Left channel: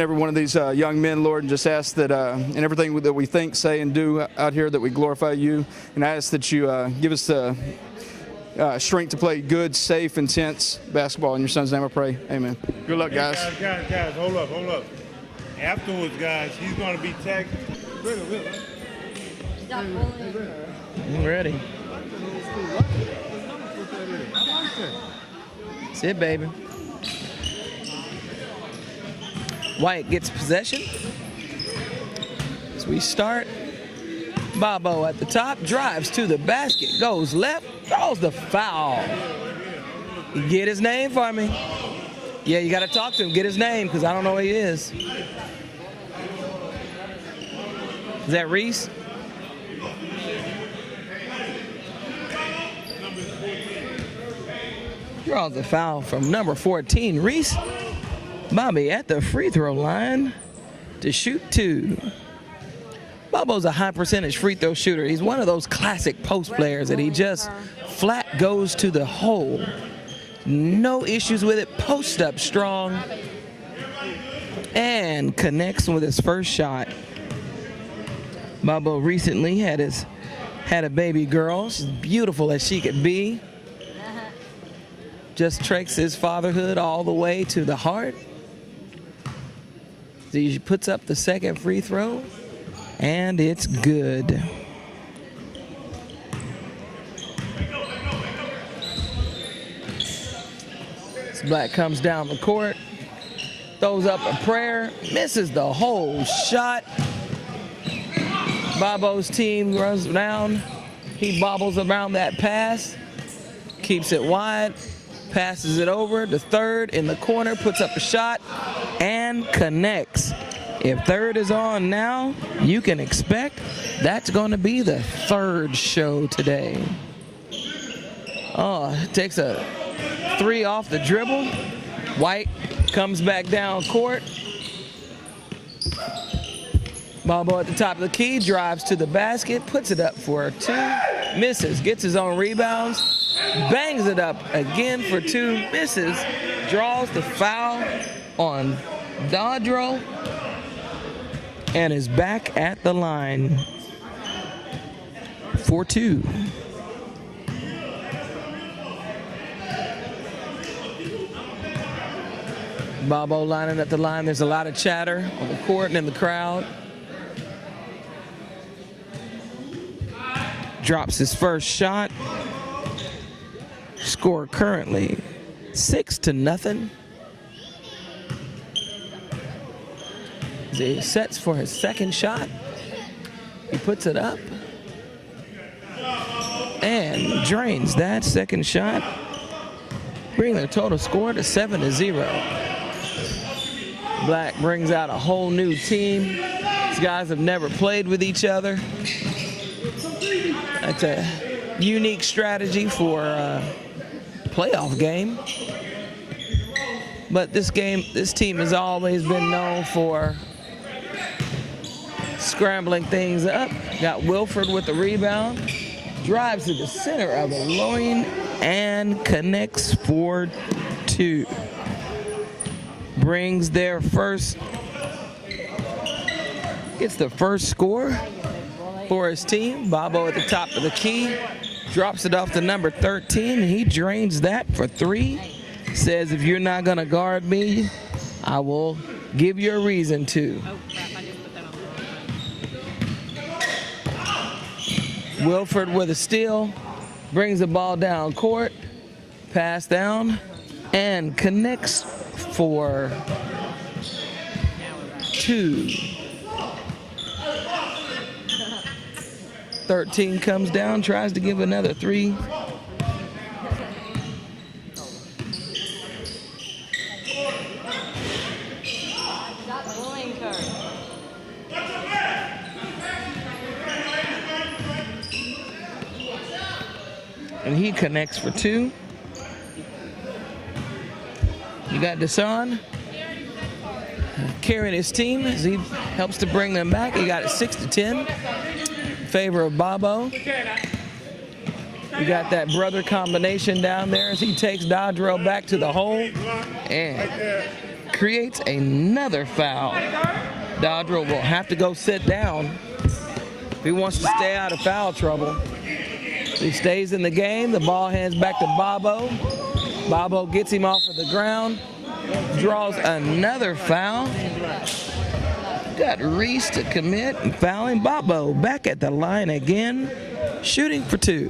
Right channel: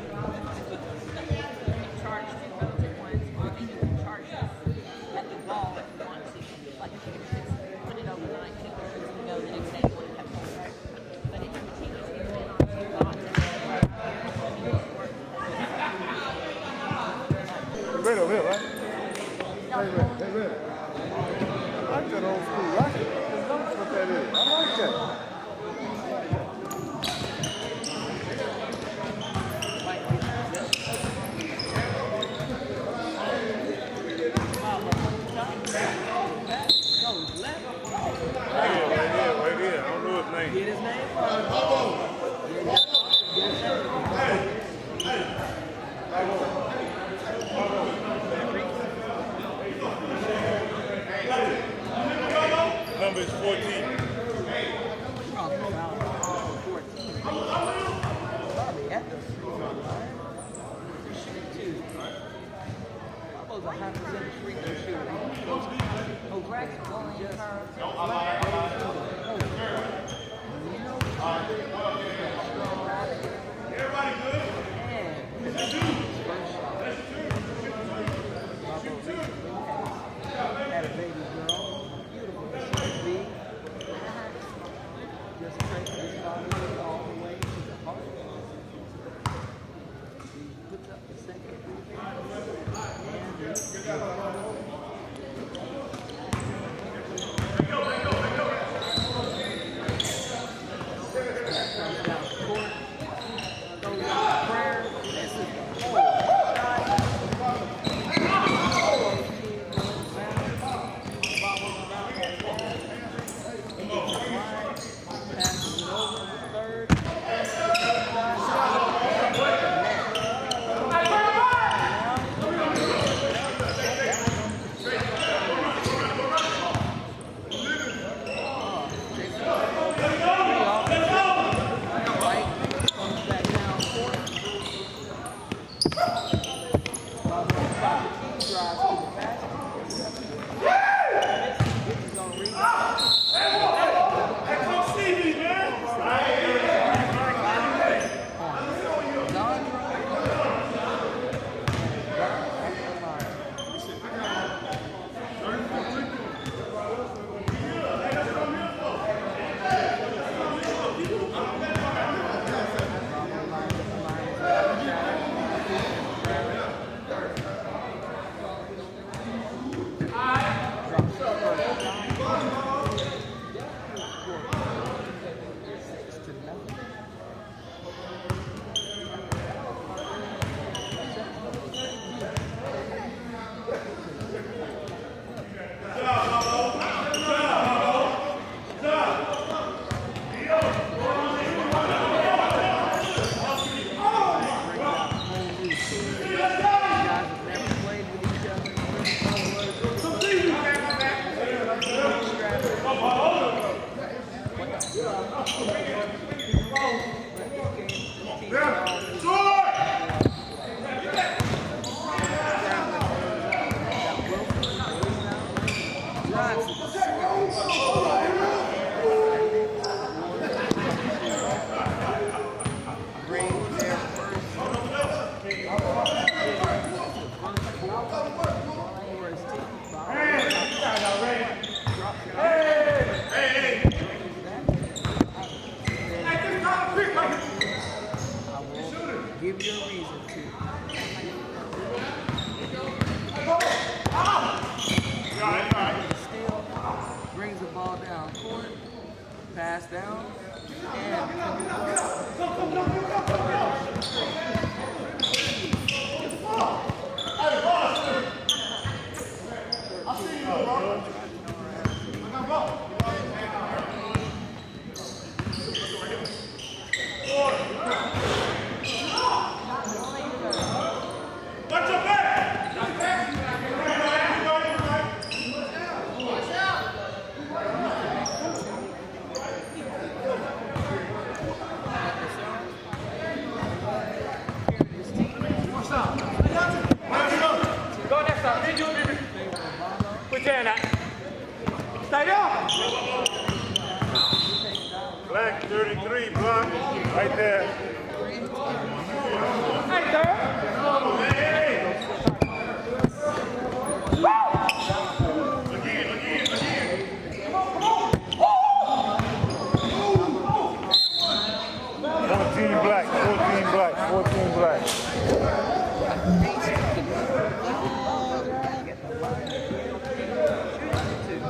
Every one of these young men, Lord, and just ask that in everything that we think, say, and do out here, that we glorify you. And I ask that you give us the strength to play good, safe, intense basketball. In your son's name I pray. Amen. Good luck, guys. Guys, hold up. Afterwards, guys, he's going to be tagged. Ready over here, right? Hey, ready. I'm ready. I like that old school. I like the numbers what that is. I like that. That's it, baby. White gets possession. As we start, Bobo at the top, drives to the basket, goes left, throws the foul. You get his name for me. Yeah, you got to talk to him, get his name, because I don't know who he is. Is that Reese? Number is 14. Draws the foul from number 14, Reese. Bobby at the free throw line to shoot 2. Bobo's a high percentage free throw shooter. He's one of those classic post players that he just flat goes to the hole. No issues with it, post up strong, and connects with his first shot. Bobo recently had a baby girl, she's beautiful as she could be. Just takes his fatherhood all the way to the heart. He puts up the second free throw, and it's good. Black comes down the court, throws up a prayer, misses the whole shot. Bobo's team runs down. He bobbles around that pass, keeps it wide, passes it over. The third in the corner, puts up a shot, and connects. If third is on now, you can expect that's going to be the third show today. Oh, takes a 3 off the dribble. White comes back down court. Bobo at the top of the key, drives to the basket, puts it up for 2, misses, gets his own rebounds, bangs it up again for 2, misses, draws the foul on Dodro, and is back at the line for 2. Bobo lining at the line. There's a lot of chatter on the court and in the crowd. Drops his first shot. Score currently 6-0. As he sets for his second shot. He puts it up and drains that second shot, bringing the total score to 7-0. Black brings out a whole new team. These guys have never played with each other. That's a unique strategy for a playoff game. But this team has always been known for scrambling things up. Got Winford with the rebound. Drives to the center of the lane and connects for 2. Brings their first, gets the first score for his team. Bobo at the top of the key, drops it off to number 13. He drains that for 3. Says, if you're not gonna guard me, I will give you a reason to. Winford with a steal, brings the ball down court, pass down, and connects for 2. 13 comes down, tries to give another 3. And he connects for 2. You got Deshaun carrying his team as he helps to bring them back. He got 6-10 in favor of Bobo. You got that brother combination down there as he takes Dodro back to the hole and creates another foul. Dodger will have to go sit down if he wants to stay out of foul trouble. He stays in the game. The ball hands back to Bobo. Bobo gets him off of the ground. Draws another foul. Got Reese to commit and fouling Bobo. Back at the line again, shooting for 2.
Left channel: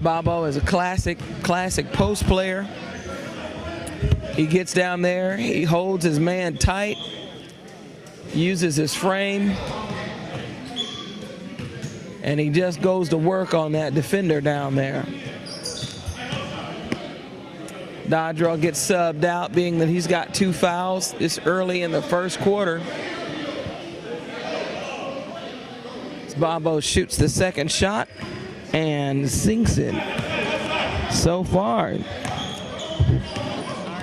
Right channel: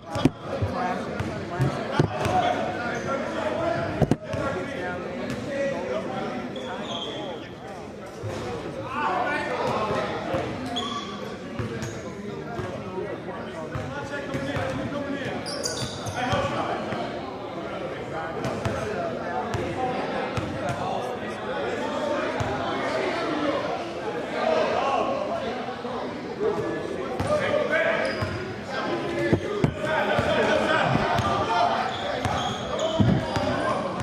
Bobo is a classic post player. He gets down there, he holds his man tight, uses his frame, and he just goes to work on that defender down there. Dodrell gets subbed out, being that he's got 2 fouls this early in the first quarter. Bobo shoots the second shot and sinks it. So far,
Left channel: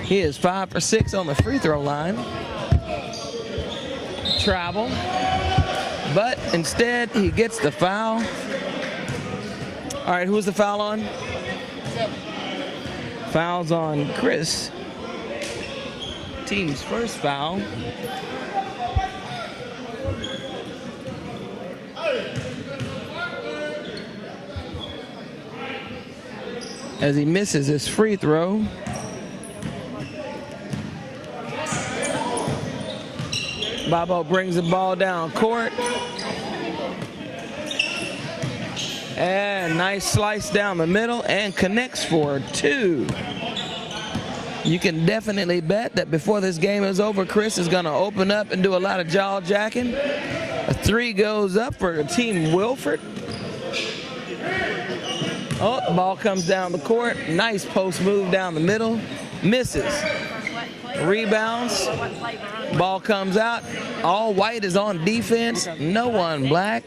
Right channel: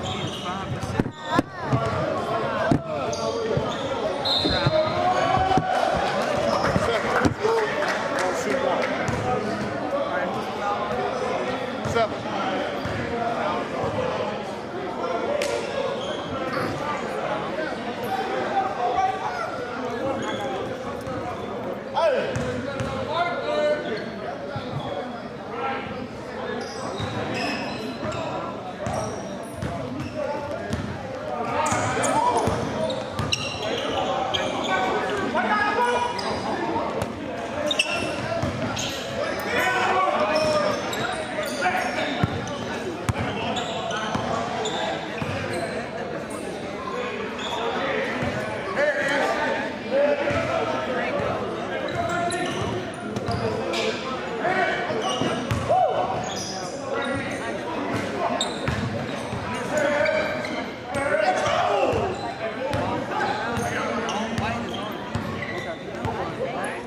he is 5 for 6 on the free throw line. Travel, but instead he gets the foul. All right, who's the foul on? 7. Foul's on Chris. Team's first foul. As he misses his free throw. Bobo brings the ball down court. And nice slice down the middle and connects for 2. You can definitely bet that before this game is over, Chris is going to open up and do a lot of jaw jacking. A 3 goes up for Team Winford. Oh, ball comes down the court. Nice post move down the middle. Misses. Rebounds. Ball comes out. All white is on defense. No one black.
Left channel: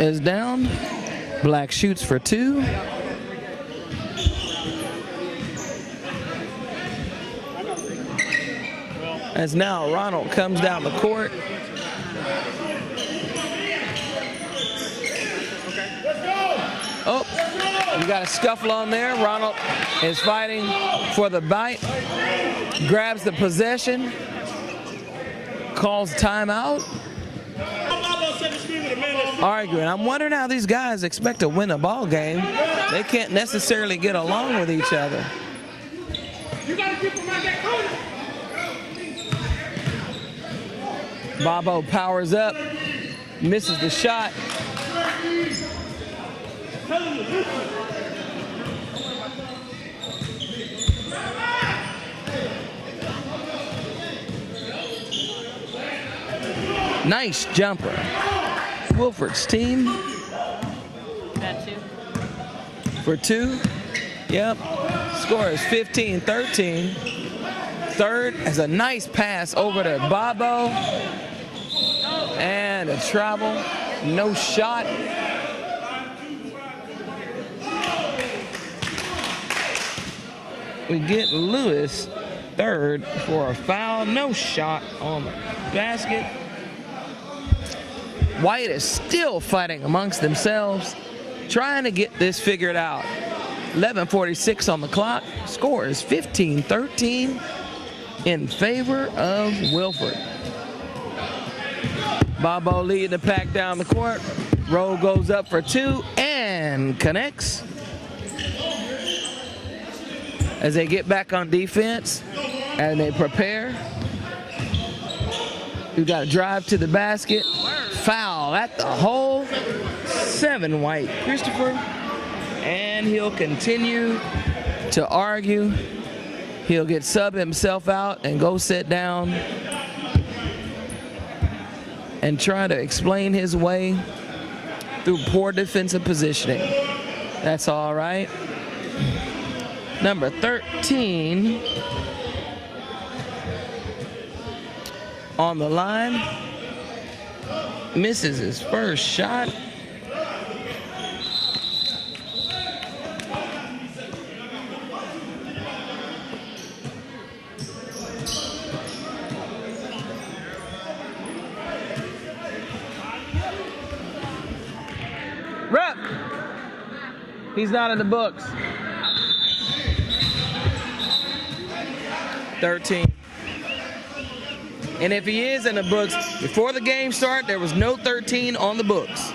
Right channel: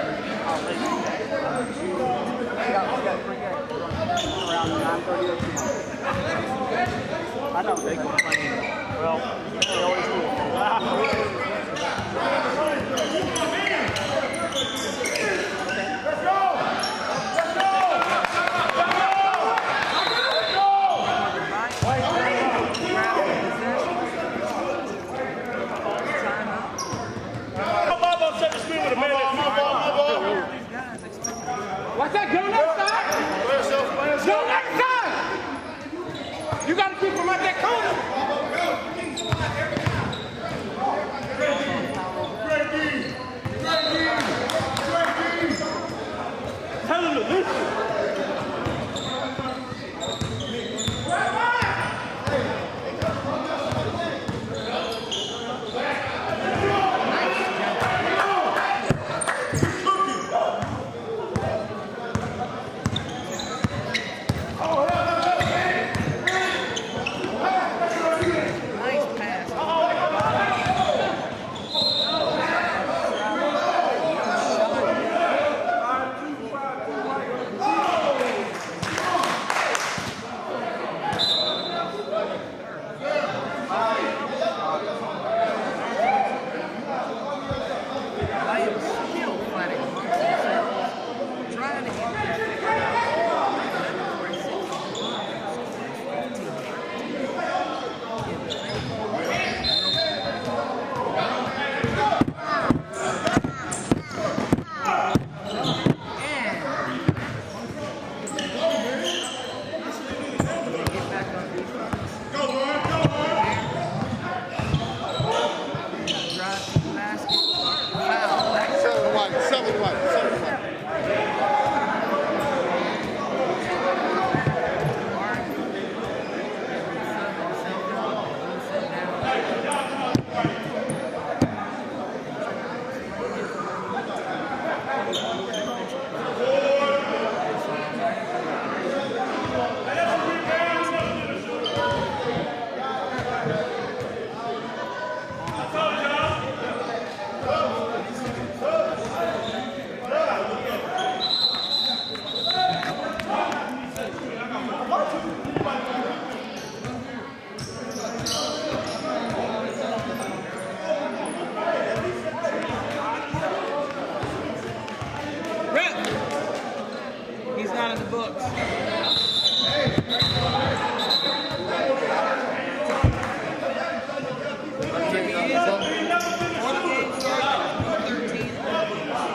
Is down. Black shoots for 2. As now Ronald comes down the court. Oh, you got a scuffle on there. Ronald is fighting for the bite. Grabs the possession. Calls timeout. Arguing. I'm wondering how these guys expect to win a ball game. They can't necessarily get along with each other. You got to keep them at that corner. Bobo powers up, misses the shot. Nice jumper. Winford's team for 2. Yep. Score is 15-13. Third is a nice pass over to Bobo. And a travel. No shot. We get Lewis third for a foul. No shot on the basket. White is still fighting amongst themselves, trying to get this figured out. 11:46 on the clock. Score is 15-13 in favor of Winford. Bobo leading the pack down the court. Roll goes up for 2 and connects. As they get back on defense and they prepare. We got a drive to the basket. Foul at the hole. 7 white. Christopher. And he'll continue to argue. He'll get sub himself out and go sit down and try to explain his way through poor defensive positioning. That's all right. Number 13 on the line. Misses his first shot. He's not in the books. 13. And if he is in the books, before the game started, there was no 13 on the books.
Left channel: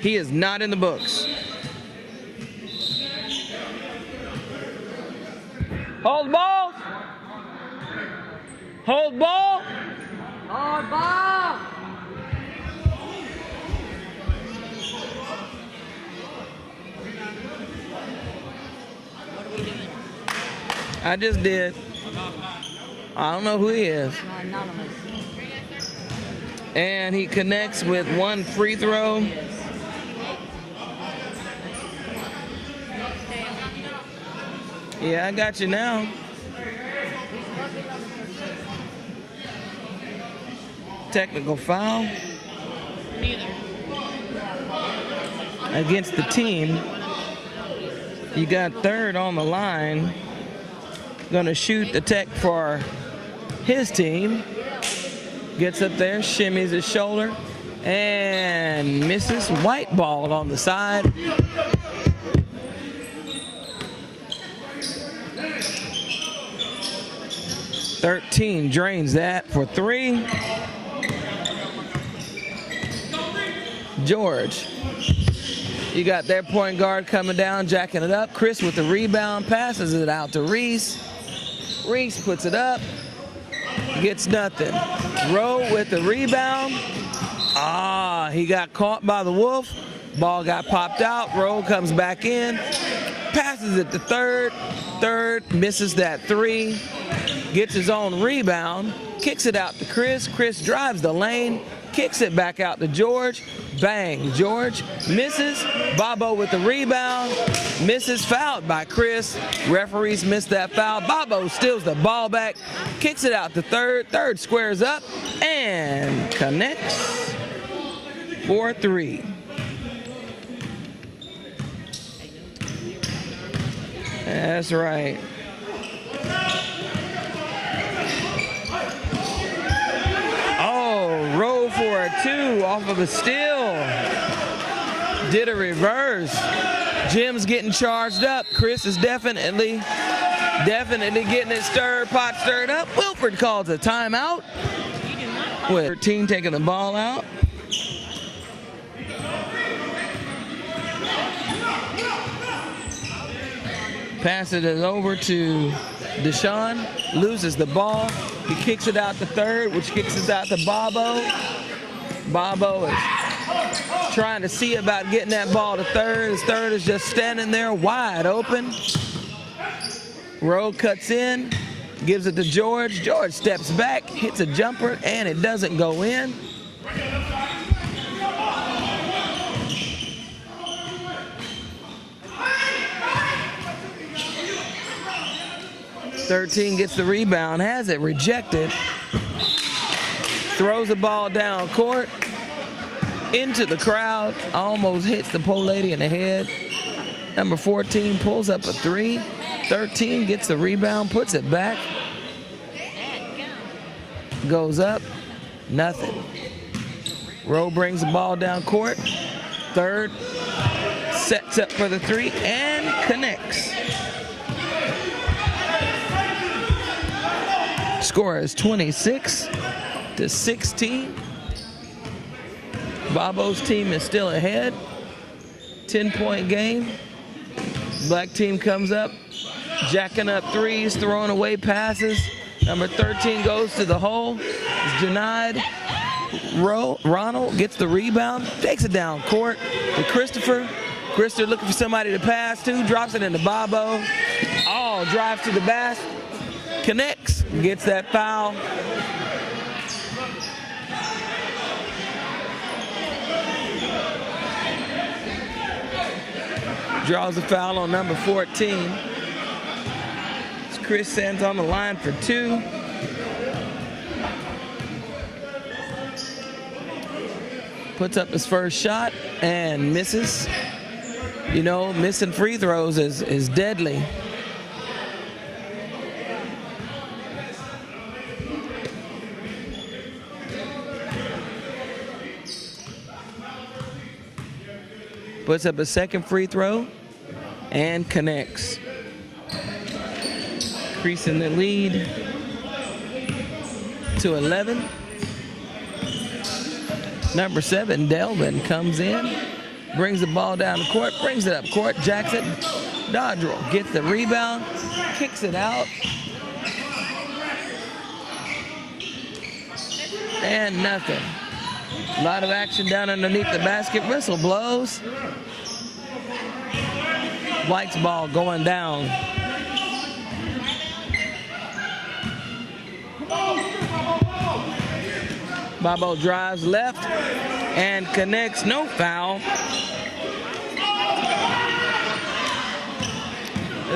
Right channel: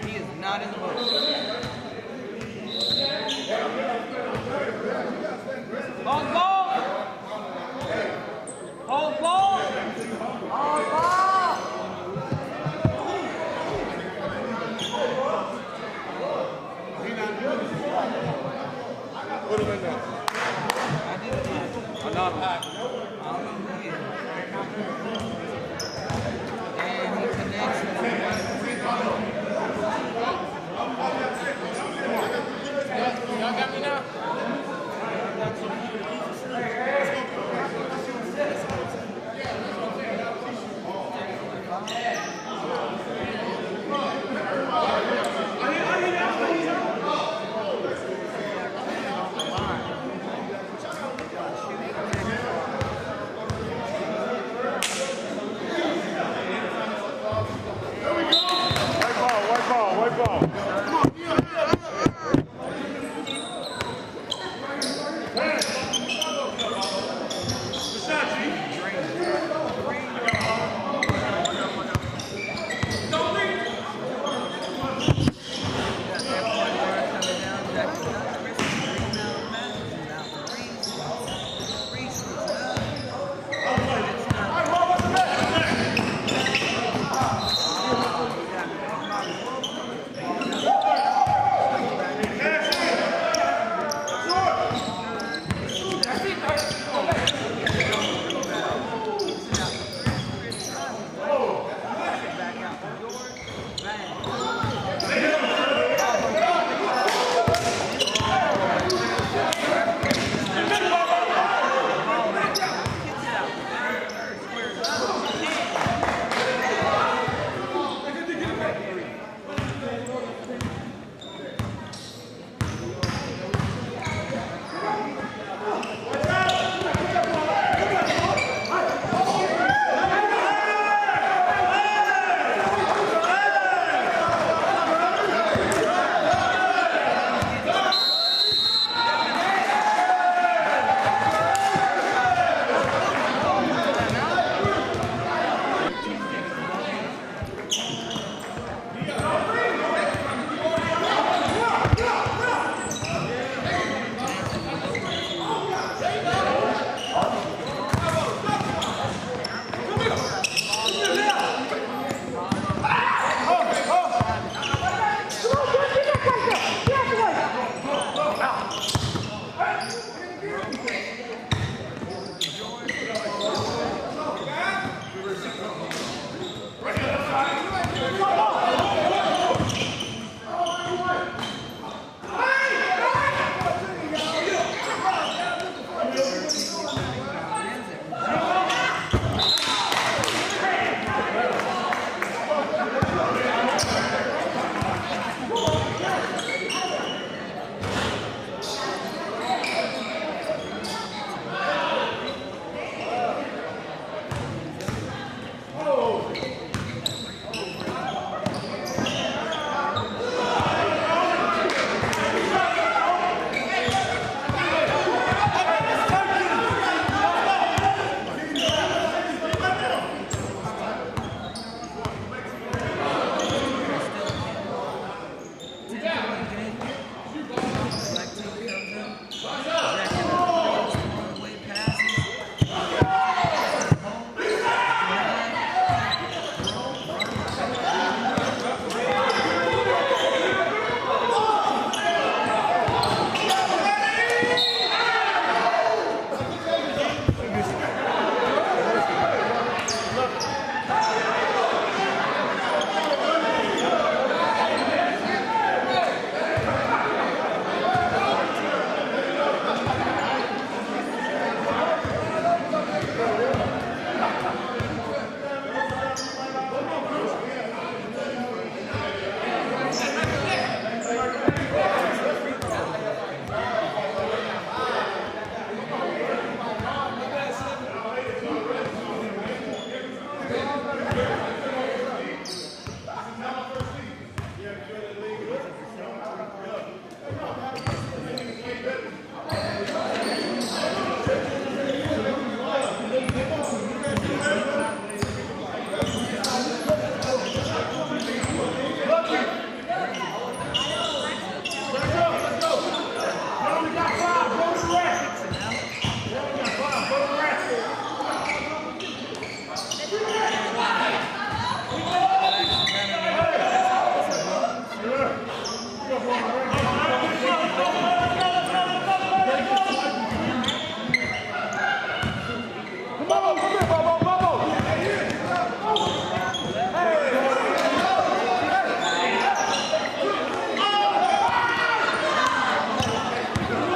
He is not in the books. Hold ball. Hold ball. Hold ball. I just did. I don't know who he is. And he connects with one free throw. Yeah, I got you now. Technical foul against the team. You got third on the line. Gonna shoot the tech for his team. Gets up there, shimmies his shoulder, and misses. White ball on the side. .13 drains that for 3. George. You got that point guard coming down, jacking it up. Chris with the rebound, passes it out to Reese. Reese puts it up, gets nothing. Rowe with the rebound. He got caught by the Wolf. Ball got popped out. Rowe comes back in, passes it to third. Third misses that 3. Gets his own rebound, kicks it out to Chris. Chris drives the lane, kicks it back out to George. Bang, George misses. Bobo with the rebound, misses, fouled by Chris. Referees missed that foul. Bobo steals the ball back, kicks it out to third. Third squares up and connects for 3. That's right. Oh, roll for a 2 off of the steal. Did a reverse. Jim's getting charged up. Chris is definitely getting his pot stirred up. Winford calls a timeout. With 13 taking the ball out. Passes it over to Deshaun, loses the ball. He kicks it out to third, which kicks it out to Bobo. Bobo is trying to see about getting that ball to third. His third is just standing there wide open. Rowe cuts in, gives it to George. George steps back, hits a jumper, and it doesn't go in. 13 gets the rebound, has it rejected. Throws the ball down court, into the crowd, almost hits the poor lady in the head. Number 14 pulls up a 3. 13 gets the rebound, puts it back. Goes up, nothing. Rowe brings the ball down court. Third, sets up for the 3 and connects. Score is 26-16. Bobo's team is still ahead. 10-point game. Black team comes up, jacking up threes, throwing away passes. Number 13 goes to the hole, is denied. Ronald gets the rebound, takes it down court to Christopher. Christopher looking for somebody to pass to, drops it into Bobo. Oh, drives to the basket, connects, gets that foul. Draws a foul on number 14. Chris stands on the line for 2. Puts up his first shot and misses. You know, missing free throws is deadly. Puts up a second free throw. and connects. Increasing the lead to 11. Number 7, Delvin, comes in, brings the ball down the court, brings it up court. Jackson Dodger gets the rebound, kicks it out. And nothing. A lot of action down underneath the basket. Whistle blows. White's ball going down. Bobo drives left and connects. No foul.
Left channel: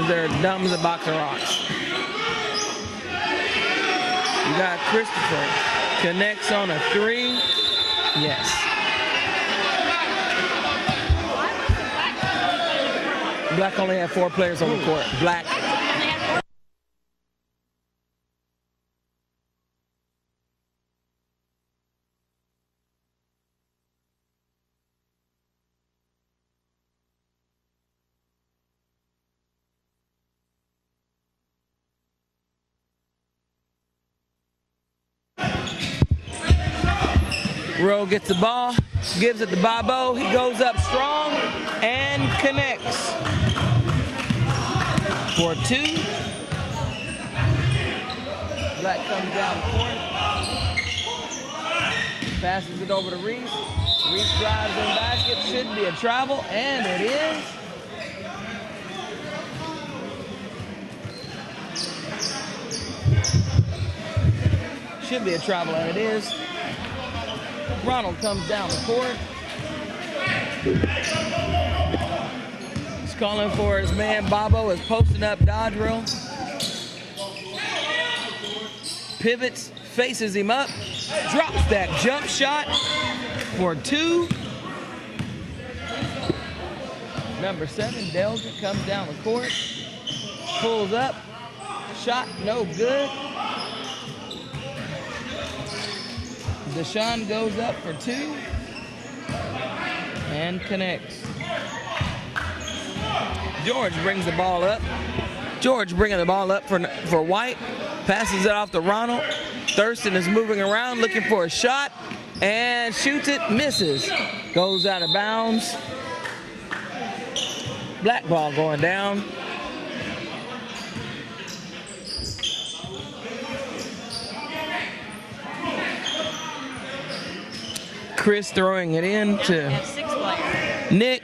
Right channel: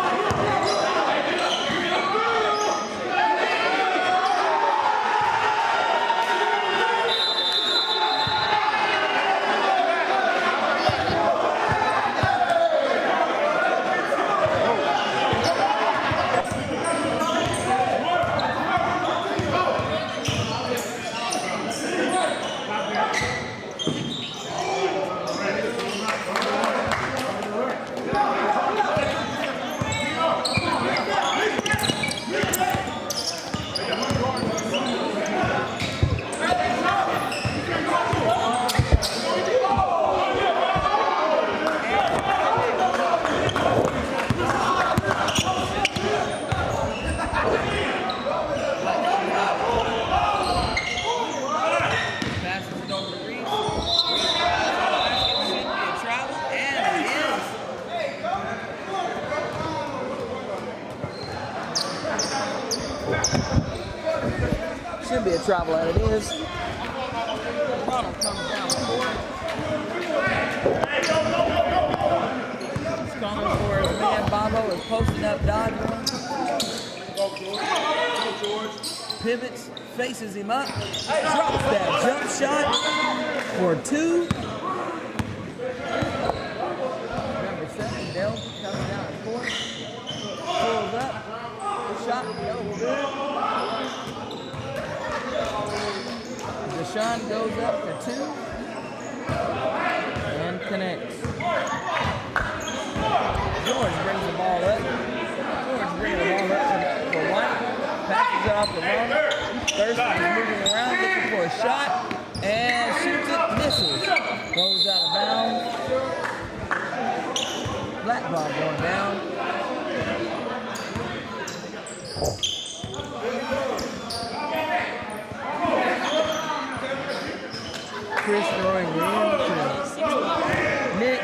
They're dumb the box. You got Christopher. Connects on a 3. Yes. Black only had 4 players on the court. Black. Rowe gets the ball, gives it to Bobo. He goes up strong and connects for 2. Black comes down the court, passes it over to Reese. Reese drives in basket. Should be a travel, and it is. Should be a travel, and it is. Ronald comes down the court. He's calling for his man. Bobo is posting up Dodrill. Pivots, faces him up, drops that jump shot for 2. Number 7, Delta, comes down the court, pulls up, shot no good. Deshaun goes up for 2 and connects. George brings the ball up. George bringing the ball up for White. Passes it off to Ronald. Thurston is moving around looking for a shot and shoots it, misses. Goes out of bounds. Black ball going down. Chris throwing it in to Nick.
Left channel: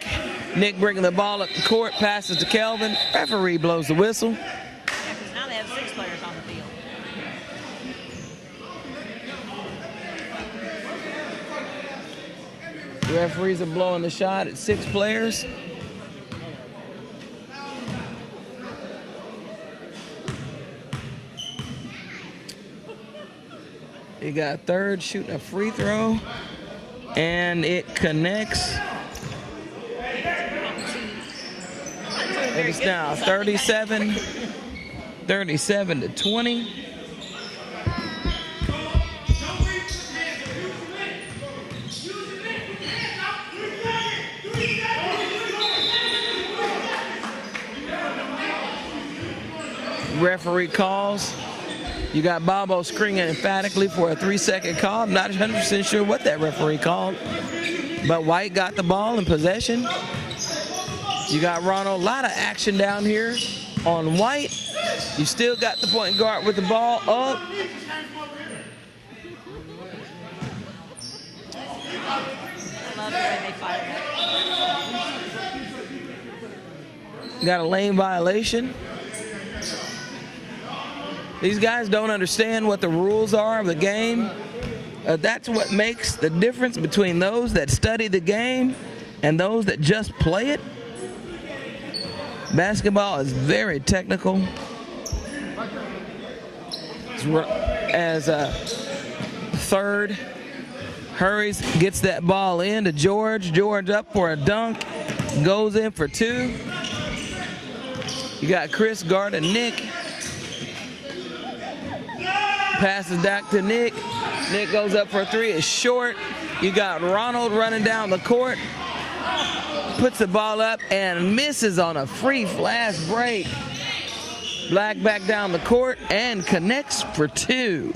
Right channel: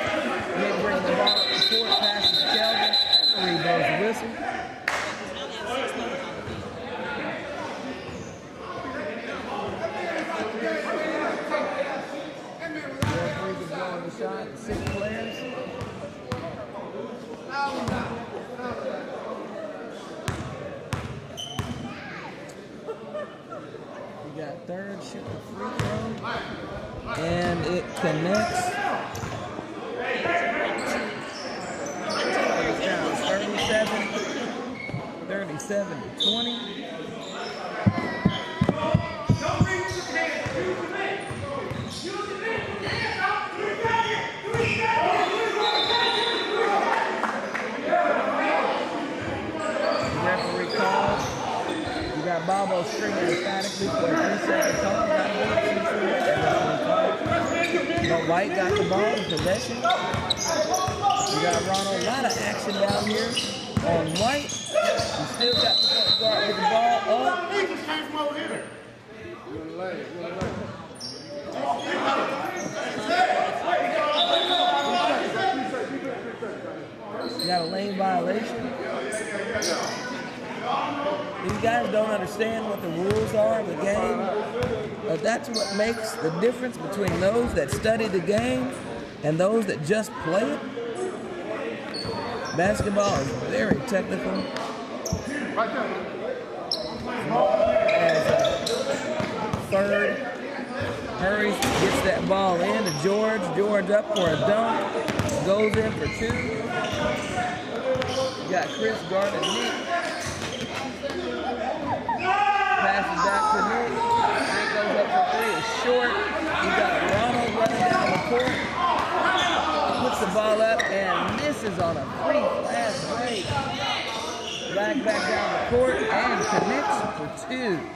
Nick bringing the ball up the court, passes to Kelvin. Referee blows the whistle. Now they have 6 players on the field. The referees are blowing the shot at 6 players. You got Third shooting a free throw, and it connects. It's now 37 to 20. Referee calls. You got Bobo screaming emphatically for a 3-second call. Not 100% sure what that referee called. But White got the ball in possession. You got Ronald. A lot of action down here on White. You still got the point guard with the ball up. Got a lane violation. These guys don't understand what the rules are of the game. That's what makes the difference between those that study the game and those that just play it. Basketball is very technical. As Third hurries, gets that ball in to George. George up for a dunk, goes in for 2. You got Chris guarding Nick. Passes back to Nick. Nick goes up for a 3. It's short. You got Ronald running down the court. puts the ball up and misses on a free fast break. Black back down the court and connects for 2.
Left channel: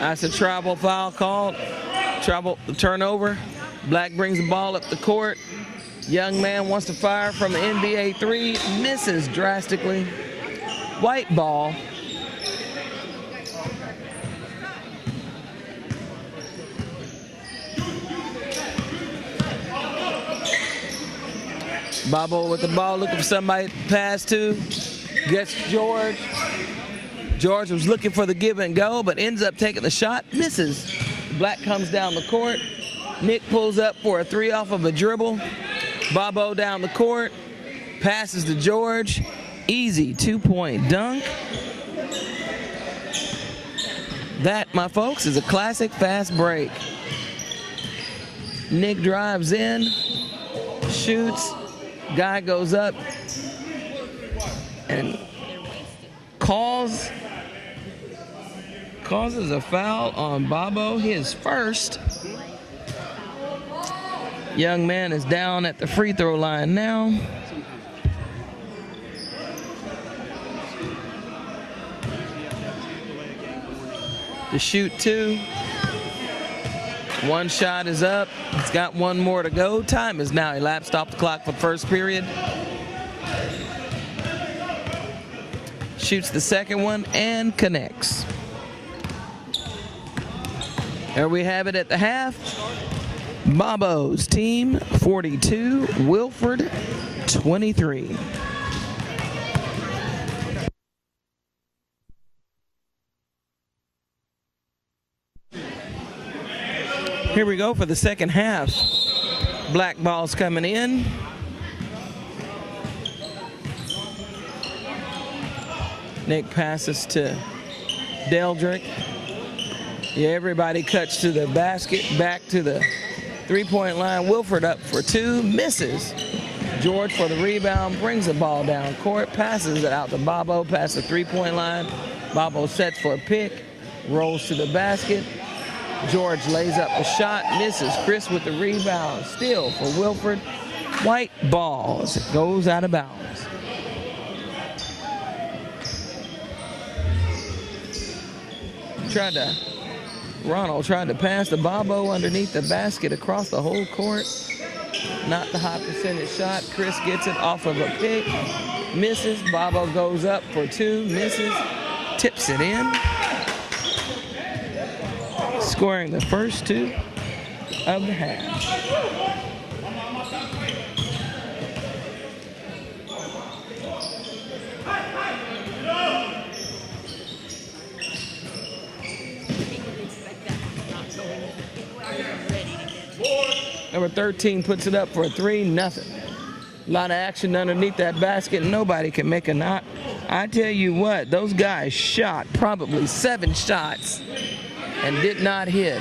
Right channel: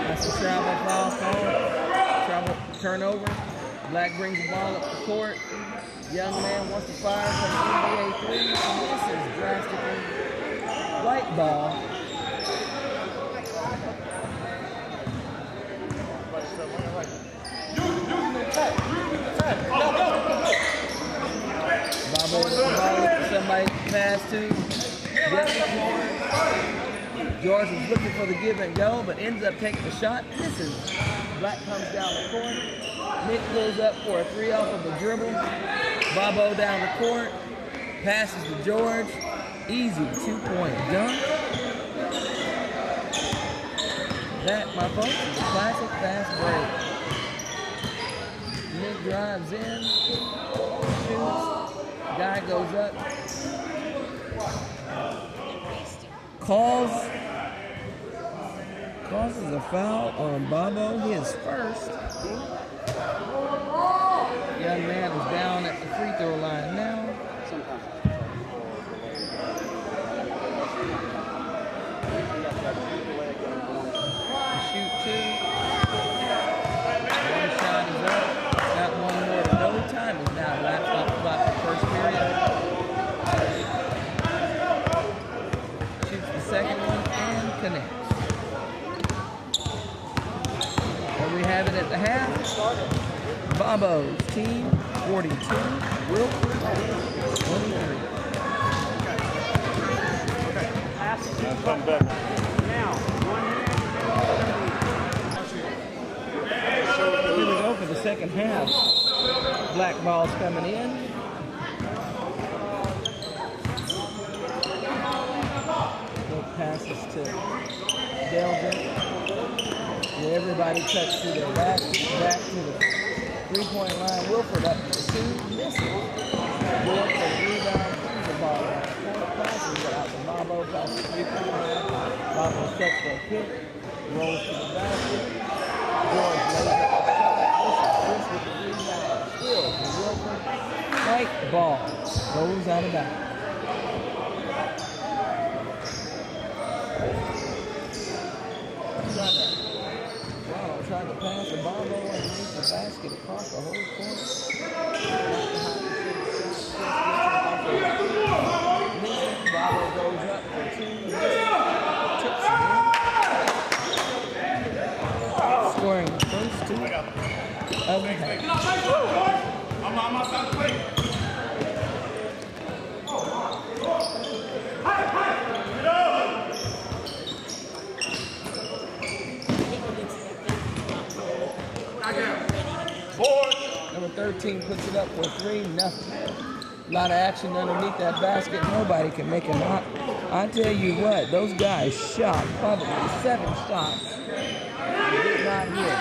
That's a travel foul called. Travel turnover. Black brings the ball up the court. Young man wants to fire from the NBA 3. Misses drastically. White ball. Bobo with the ball, looking for somebody to pass to. Gets George. George was looking for the give and go, but ends up taking the shot. Misses. Black comes down the court. Nick pulls up for a 3 off of a dribble. Bobo down the court. Passes to George. Easy 2-point dunk. That, my folks, is a classic fast break. Nick drives in. Shoots. Guy goes up and causes a foul on Bobo, his first. Young man is down at the free throw line now. To shoot 2. One shot is up. It's got 1 more to go. Time is now elapsed off the clock for first period. Shoots the second one and connects. There we have it at the half. Bobo's team 42, Winford 23. Here we go for the second half. Black ball's coming in. Nick passes to Deldrick. Yeah, everybody cuts to their basket. Back to the 3-point line. Winford up for 2. Misses. George for the rebound. Brings the ball down court. Passes it out to Bobo. Past the 3-point line. Bobo sets for a pick. Rolls to the basket. George lays up a shot, misses. Chris with the rebound, steal for Winford. White ball as it goes out of bounds. Ronald tried to pass the Bobo underneath the basket across the whole court. Not the high percentage shot. Chris gets it off of a pick, misses. Bobo goes up for 2, misses, tips it in. Scoring the first 2 of the half. Number 13 puts it up for a 3, nothing. A lot of action underneath that basket. Nobody can make a knock. I tell you what, those guys shot probably 7 shots and did not hit.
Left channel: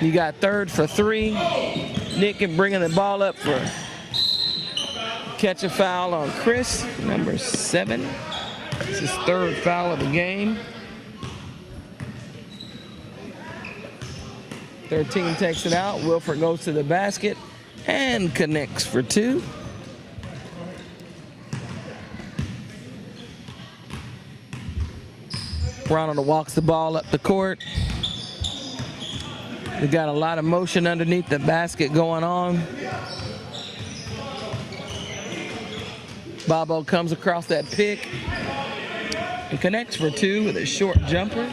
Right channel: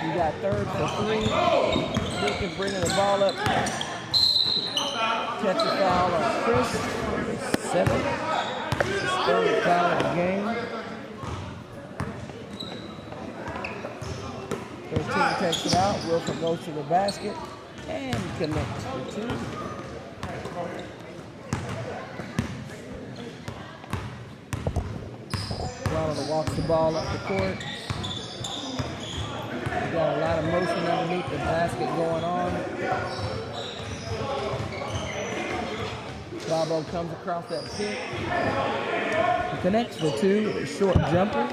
You got third for 3. Nick and bringing the ball up for catch a foul on Chris, number 7. This is third foul of the game. 13 takes it out. Winford goes to the basket and connects for 2. Ronald walks the ball up the court. We got a lot of motion underneath the basket going on. Bobo comes across that pick. He connects for 2 with a short jumper.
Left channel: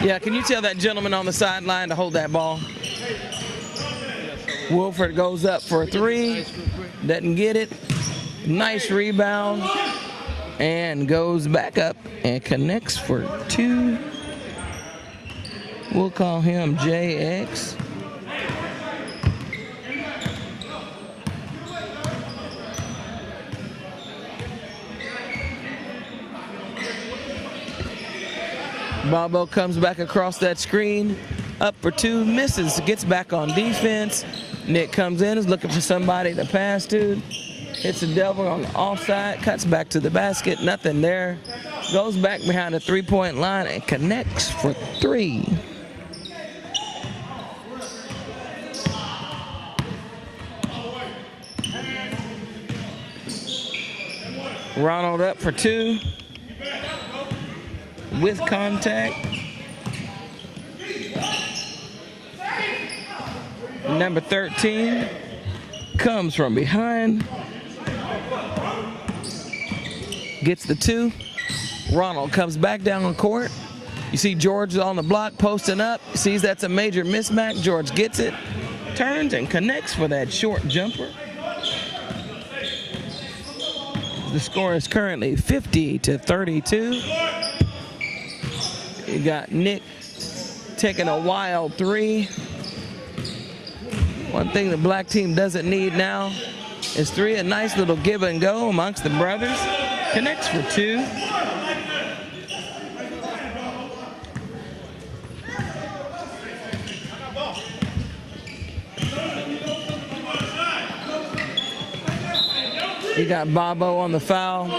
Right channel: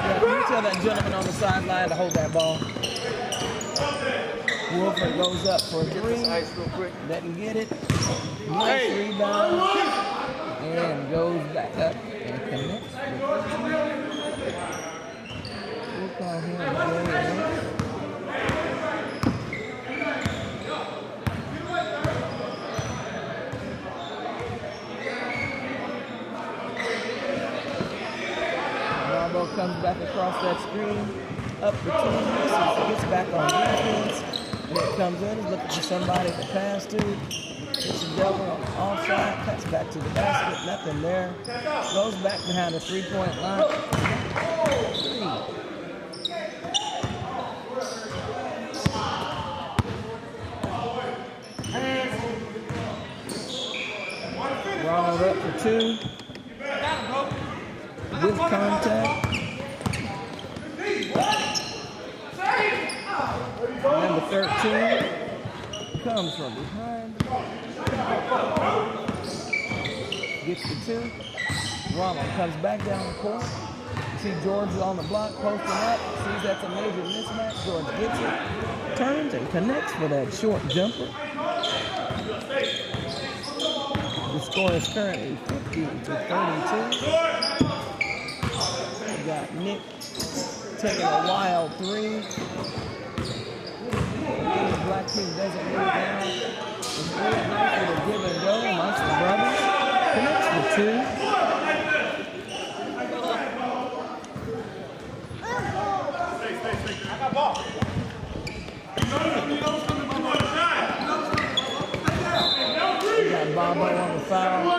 Yeah, can you tell that gentleman on the sideline to hold that ball? Winford goes up for 3. Doesn't get it. Nice rebound. And goes back up and connects for 2. We'll call him JX. Bobo comes back across that screen, up for 2, misses, gets back on defense. Nick comes in, is looking for somebody to pass to. Hits the double on the offside, cuts back to the basket, nothing there. Goes back behind the three-point line and connects for 3. Ronald up for 2 with contact. Number 13 comes from behind. Gets the 2. Ronald comes back down the court. You see George on the block posting up. Sees that's a major mismatch. George gets it, turns and connects for that short jumper. The score is currently 50-32. You got Nick taking a wild 3. One thing the black team doesn't need now is 3. A nice little give and go amongst the brothers. Connects for 2. We got Bobo on the foul.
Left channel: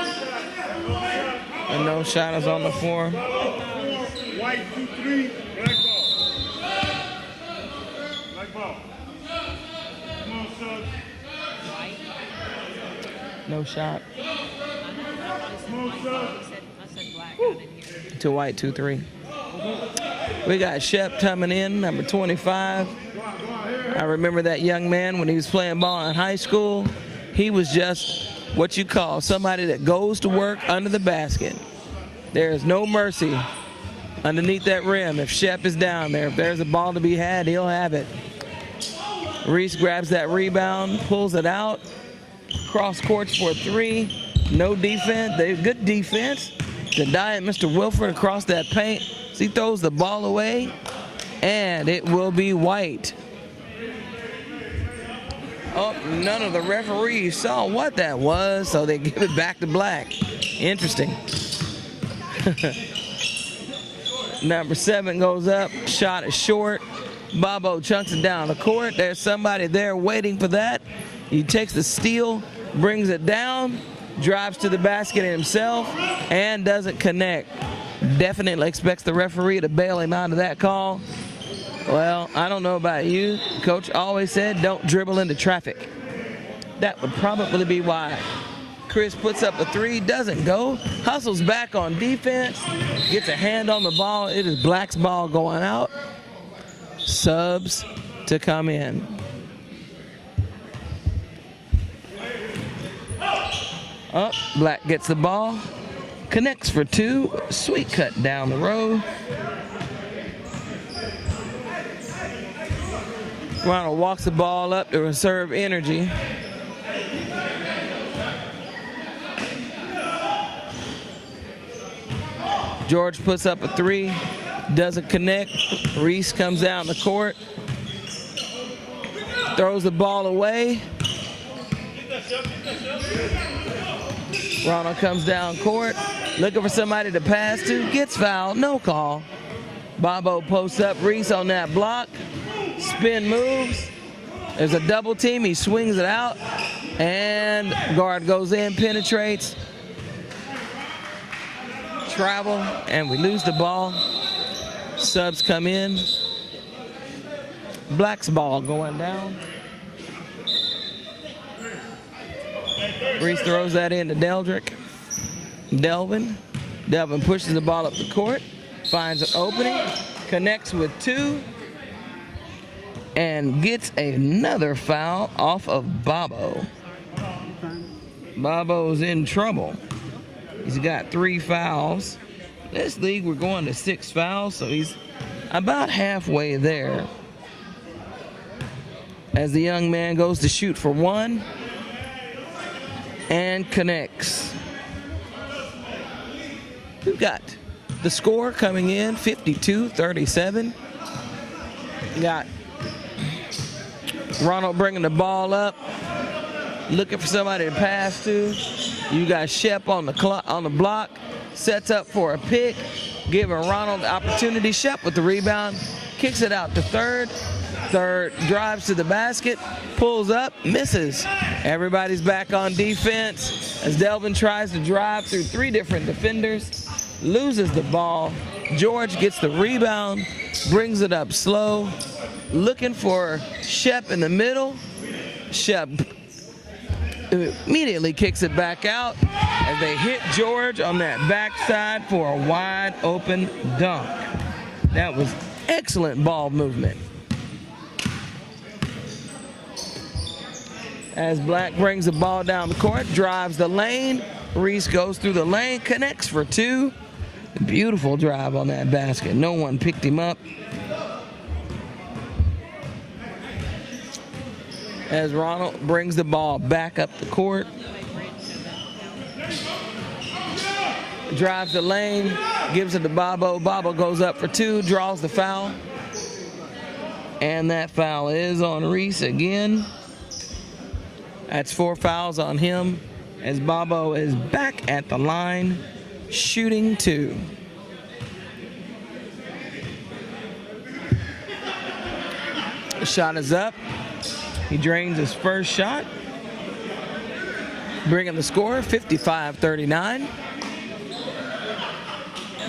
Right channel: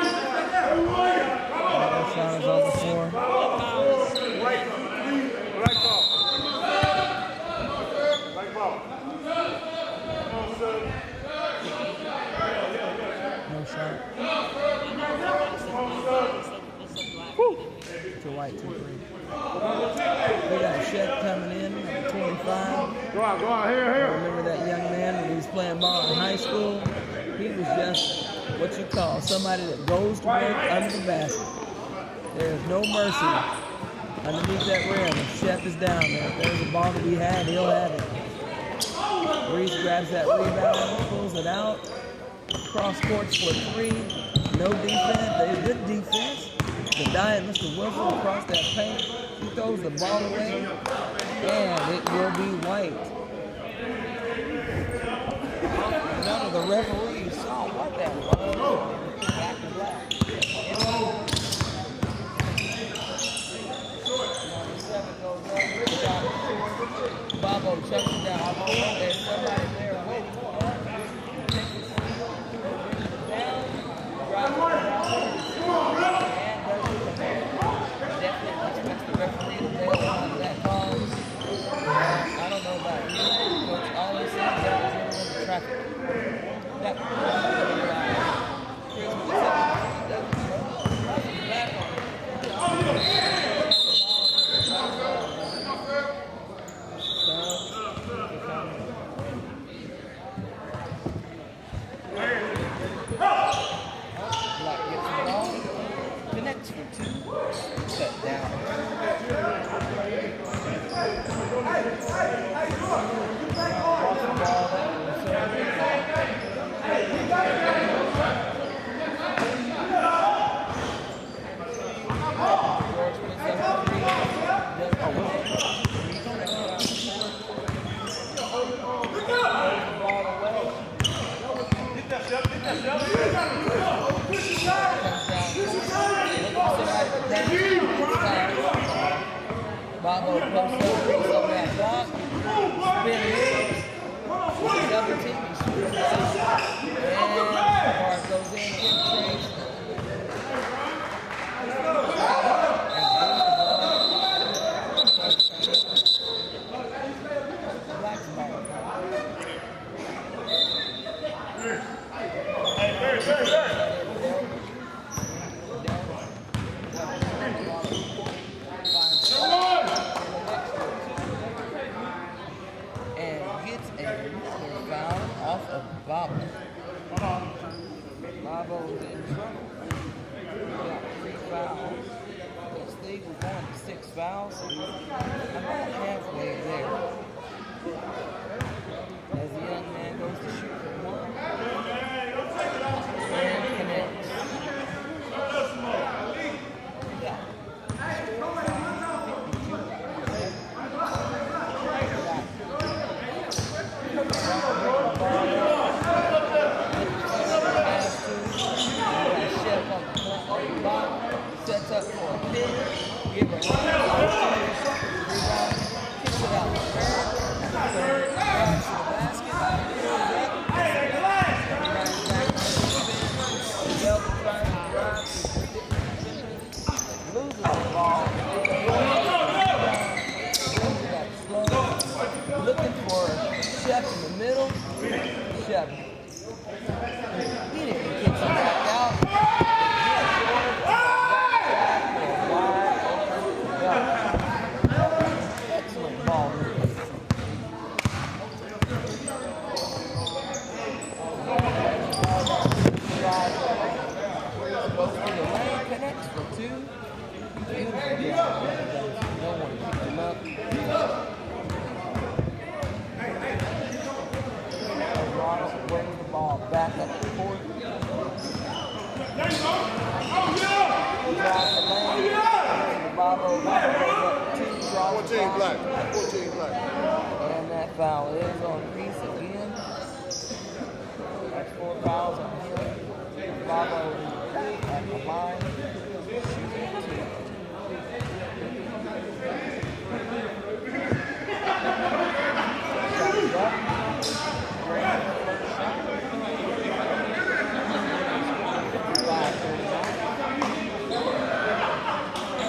And no shot is on the floor. White 2-3, black ball. Black ball. Come on, sir. No shot. Come on, sir. I said black. To White 2-3. We got Shep coming in, number 25. Go out, here. I remember that young man when he was playing ball in high school. He was just what you call somebody that goes to work under the basket. There is no mercy underneath that rim if Shep is down there. If there's a ball to be had, he'll have it. Reese grabs that rebound, pulls it out. Cross courts for 3. No defense. They have good defense. The giant Mr. Winford across that paint. He throws the ball away, and it will be White. Oh, none of the referees saw what that was, so they give it back to black. Interesting. Number 7 goes up, shot is short. Bobo chunks it down the court. There's somebody there waiting for that. He takes the steal, brings it down, drives to the basket himself, and doesn't connect. Definitely expects the referee to bail him out of that call. Well, I don't know about you. Coach always said don't dribble into traffic. That would probably be why. Chris puts up a 3, doesn't go, hustles back on defense, gets a hand on the ball. It is Black's ball going out. Subs to come in. Up, Black gets the ball, connects for 2, sweet cut down the road. Ronald walks the ball up to reserve energy. George puts up a 3, doesn't connect. Reese comes down the court, throws the ball away. Ronald comes down court, looking for somebody to pass to, gets fouled, no call. Bobo posts up, Reese on that block, spin moves. There's a double team, he swings it out, and guard goes in, penetrates. Travel, and we lose the ball. Subs come in. Black's ball going down. Reese throws that into Delvin. Delvin pushes the ball up the court, finds an opening, connects with 2, and gets another foul off of Bobo. Bobo's in trouble. He's got 3 fouls. This league, we're going to 6 fouls, so he's about halfway there. As the young man goes to shoot for 1 and connects. We've got the score coming in, 52-37. We got Ronald bringing the ball up, looking for somebody to pass to. You got Shep on the block, sets up for a pick, giving Ronald the opportunity. Shep with the rebound, kicks it out to third. Third drives to the basket, pulls up, misses. Everybody's back on defense as Delvin tries to drive through 3 different defenders, loses the ball. George gets the rebound, brings it up slow, looking for Shep in the middle. Shep immediately kicks it back out as they hit George on that backside for a wide open dunk. That was excellent ball movement. As Black brings the ball down the court, drives the lane. Reese goes through the lane, connects for 2. Beautiful drive on that basket. No one picked him up. As Ronald brings the ball back up the court. Drives the lane, gives it to Bobo. Bobo goes up for 2, draws the foul. And that foul is on Reese again. That's 4 fouls on him as Bobo is back at the line, shooting 2. The shot is up. He drains his first shot, bringing the score 55-39.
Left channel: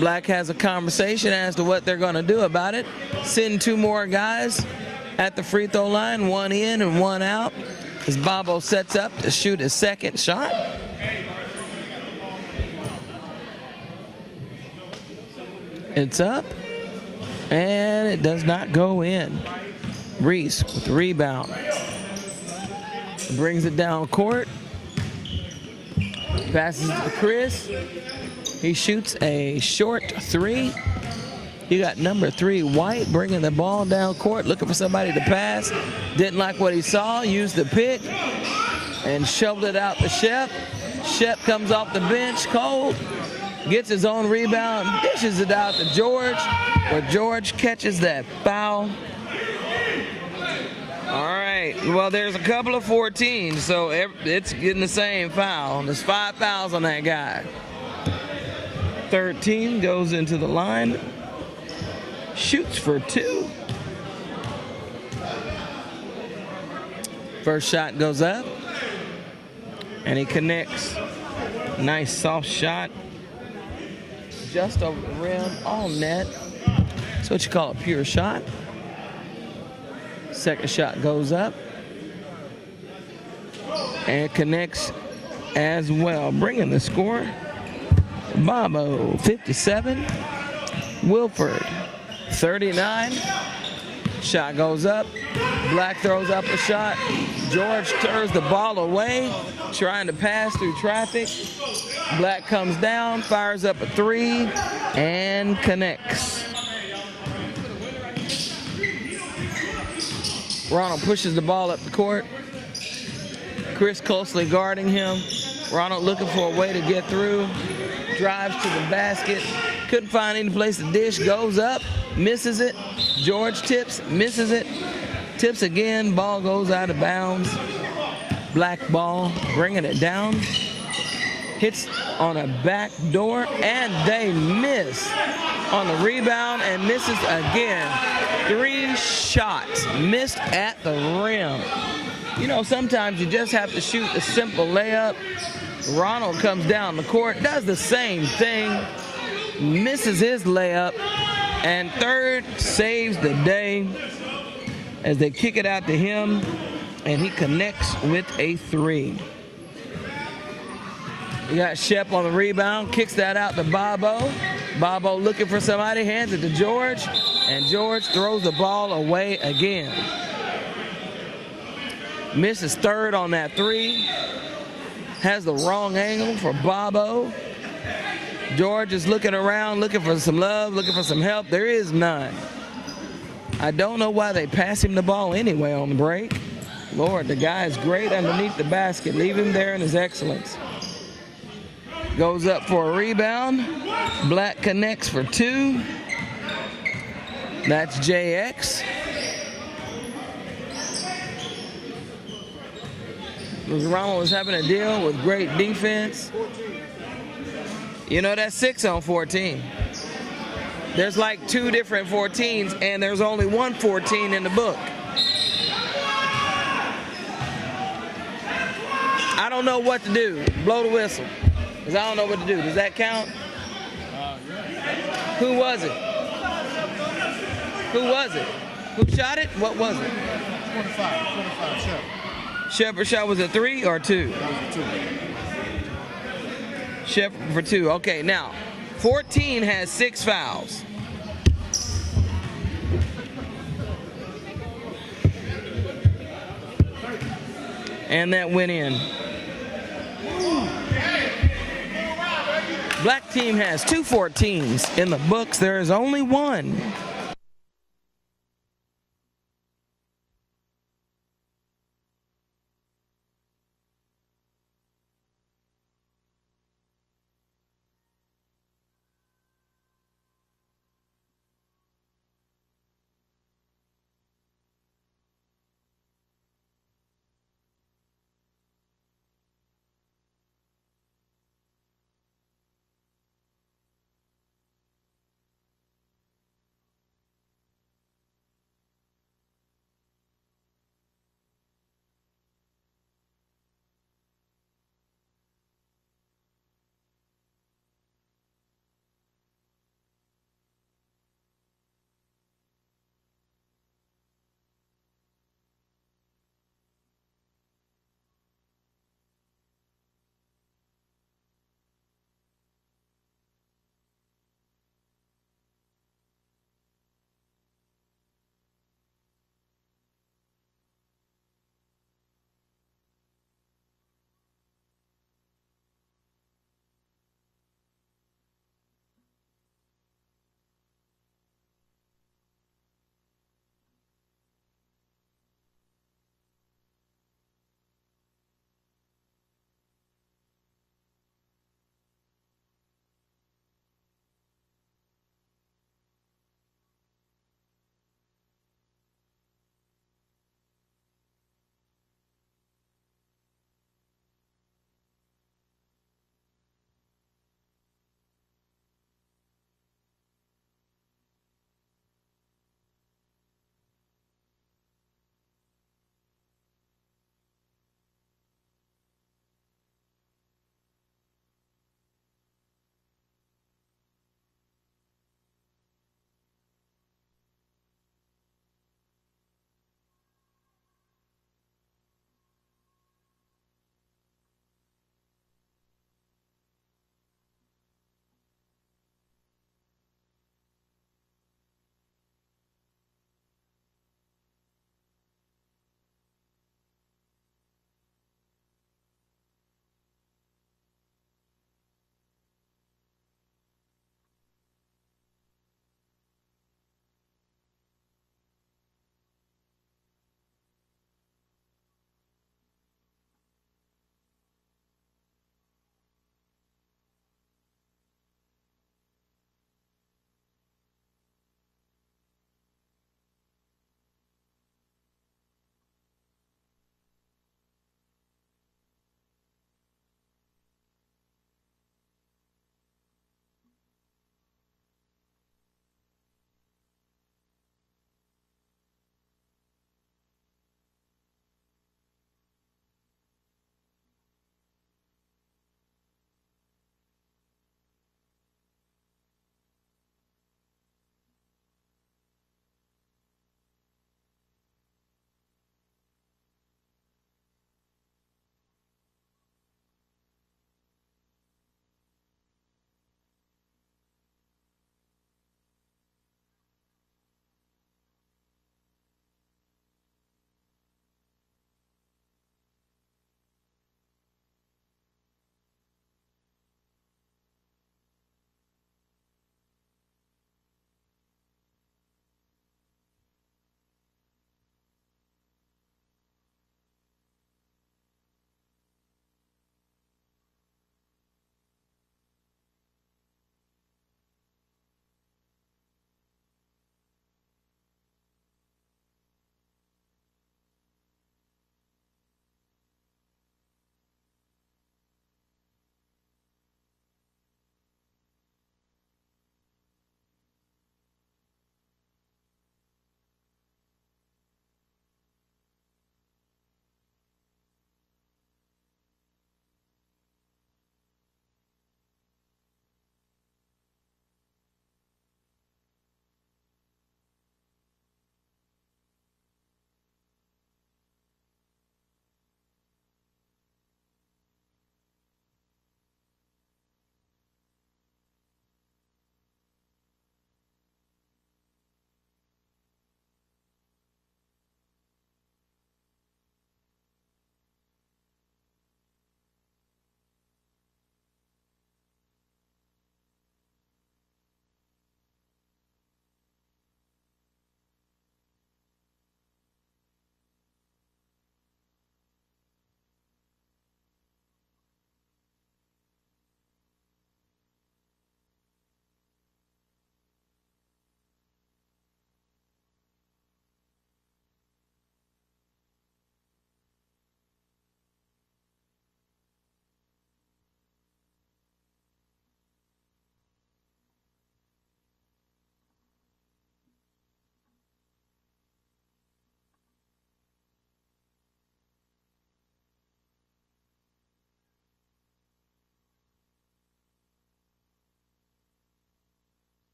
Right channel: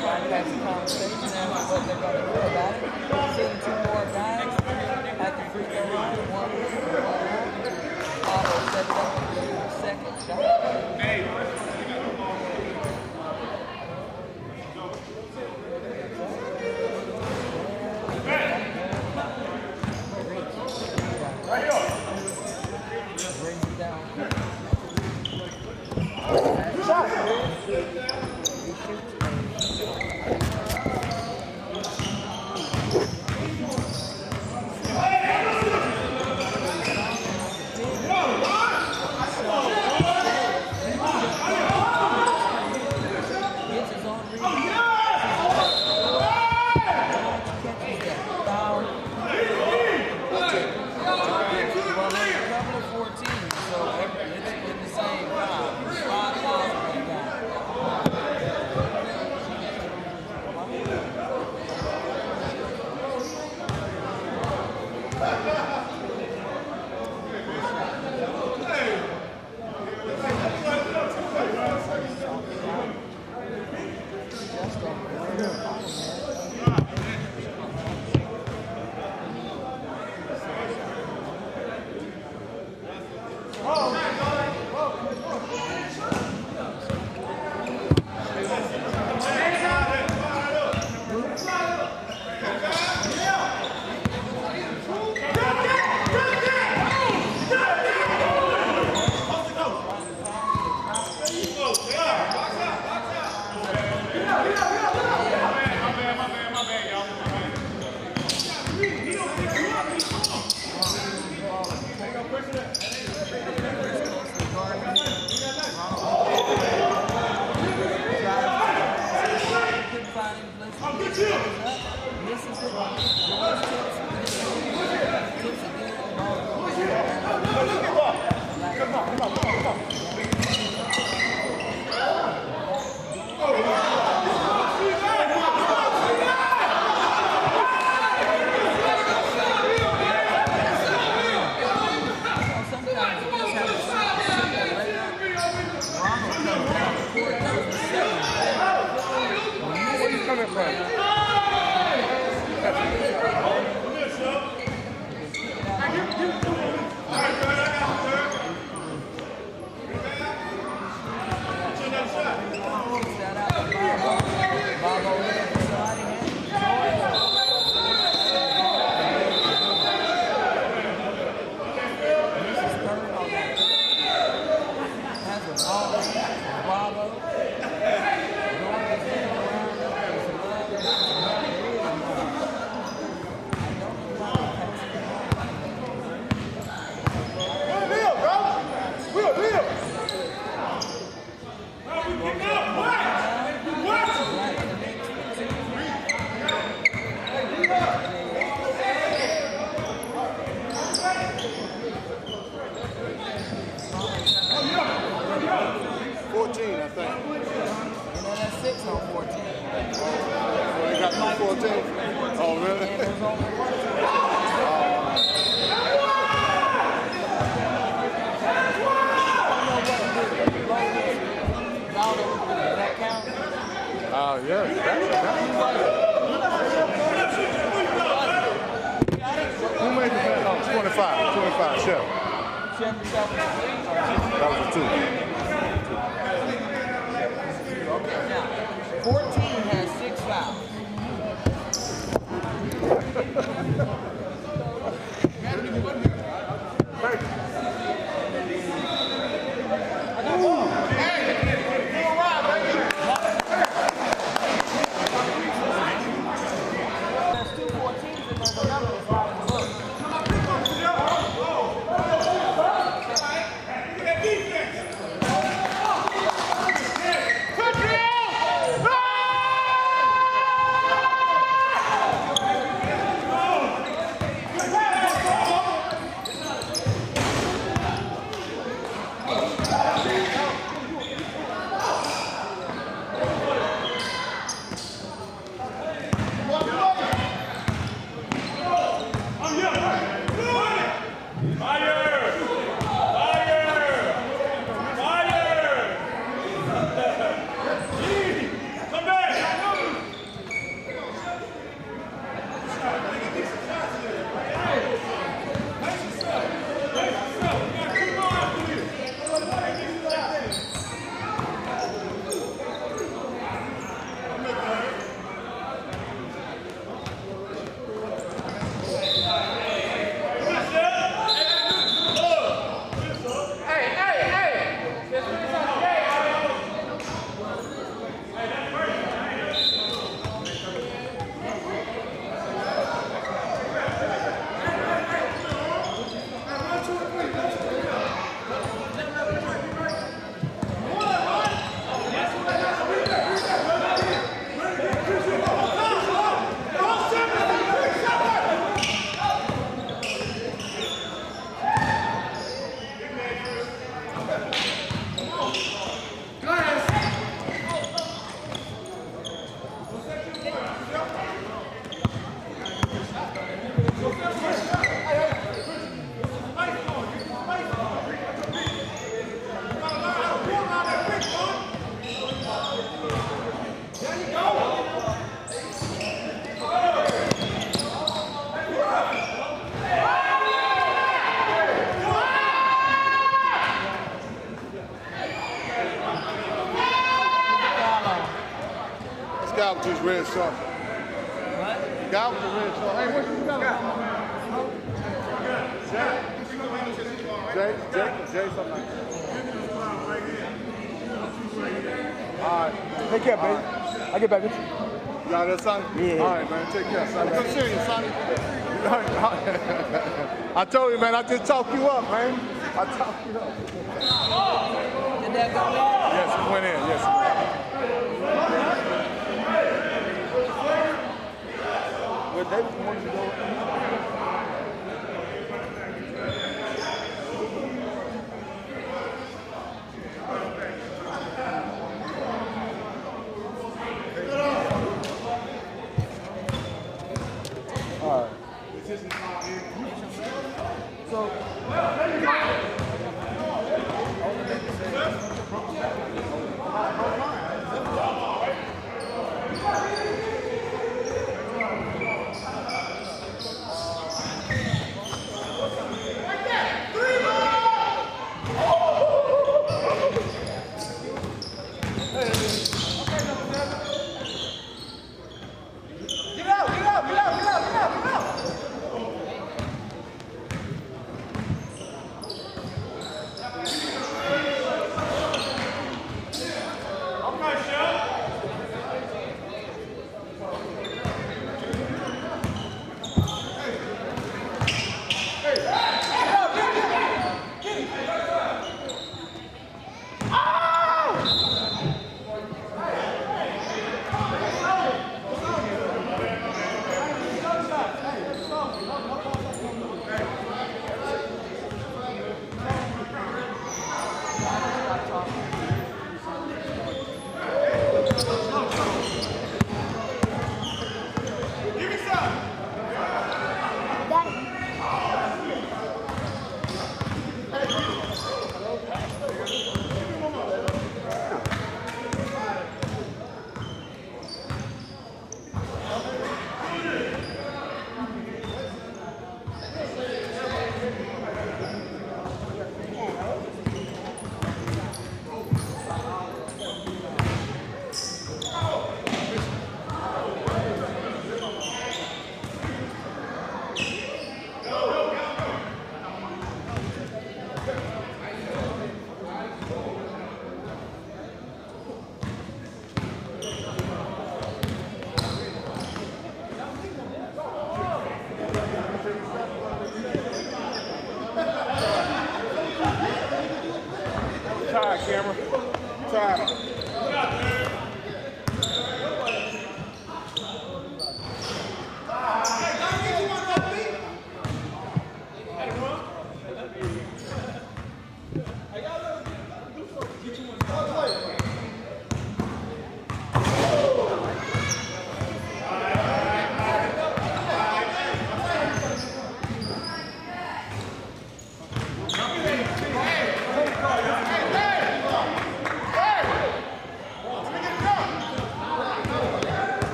Black has a conversation as to what they're going to do about it. Send 2 more guys at the free throw line, 1 in and 1 out. As Bobo sets up to shoot his second shot. It's up, and it does not go in. Reese with the rebound. Brings it down court. Passes to Chris. He shoots a short 3. You got number 3, White, bringing the ball down court, looking for somebody to pass. Didn't like what he saw, used the pick, and shoved it out to Shep. Shep comes off the bench cold, gets his own rebound, dishes it out to George, but George catches that foul. All right, well, there's a couple of 14s, so it's getting the same foul. There's 5 fouls on that guy. 13 goes into the line. Shoots for 2. First shot goes up, and he connects. Nice soft shot, just over the rim, on net. That's what you call a pure shot. Second shot goes up, and connects as well, bringing the score. Bobo 57, Winford 39. Shot goes up. Black throws up the shot. George turns the ball away, trying to pass through traffic. Black comes down, fires up a 3, and connects. Ronald pushes the ball up the court. Chris closely guarding him. Ronald looking for a way to get through. Drives to the basket. Couldn't find any place to dish. Goes up. Misses it. George tips. Misses it. Tips again. Ball goes out of bounds. Black ball. Bringing it down. Hits on a back door. And they miss on a rebound and misses again. 3 shots missed at the rim. You know, sometimes you just have to shoot a simple layup. Ronald comes down the court, does the same thing, misses his layup, and third saves the day as they kick it out to him, and he connects with a 3. We got Shep on the rebound, kicks that out to Bobo. Bobo looking for somebody, hands it to George, and George throws the ball away again. Misses third on that 3. Has the wrong angle for Bobo. George is looking around, looking for some love, looking for some help. There is none. I don't know why they pass him the ball anyway on the break. Lord, the guy is great underneath the basket. Leave him there in his excellence. Goes up for a rebound. Black connects for 2. That's JX. Ronald was having a deal with great defense. You know, that's 6 on 14. There's like 2 different 14s, and there's only one 14 in the book. I don't know what to do. Blow the whistle. Because I don't know what to do. Does that count? Yeah. Who was it? Who was it? Who shot it? What was it? 25, Shep. Shepard shot, was it 3 or 2? That was a 2. Shepard for 2. Okay, now 14 has 6 fouls. And that went in. Black team has 2 14s. In the books, there is only 1. Guy with his red shirt. What? Guy with the red shirt. Hey, what you got? Jay, something like that. All right. Take care, baby. I'll get back with you. You got that, Sonny? Yeah. All right, man. Take care, Sonny. Come see you, Sonny. I told you, man. I just talked you up, man. I talked you up. Did that go in? Yes, it went in. Yes, it went in. Well, David wanted to go.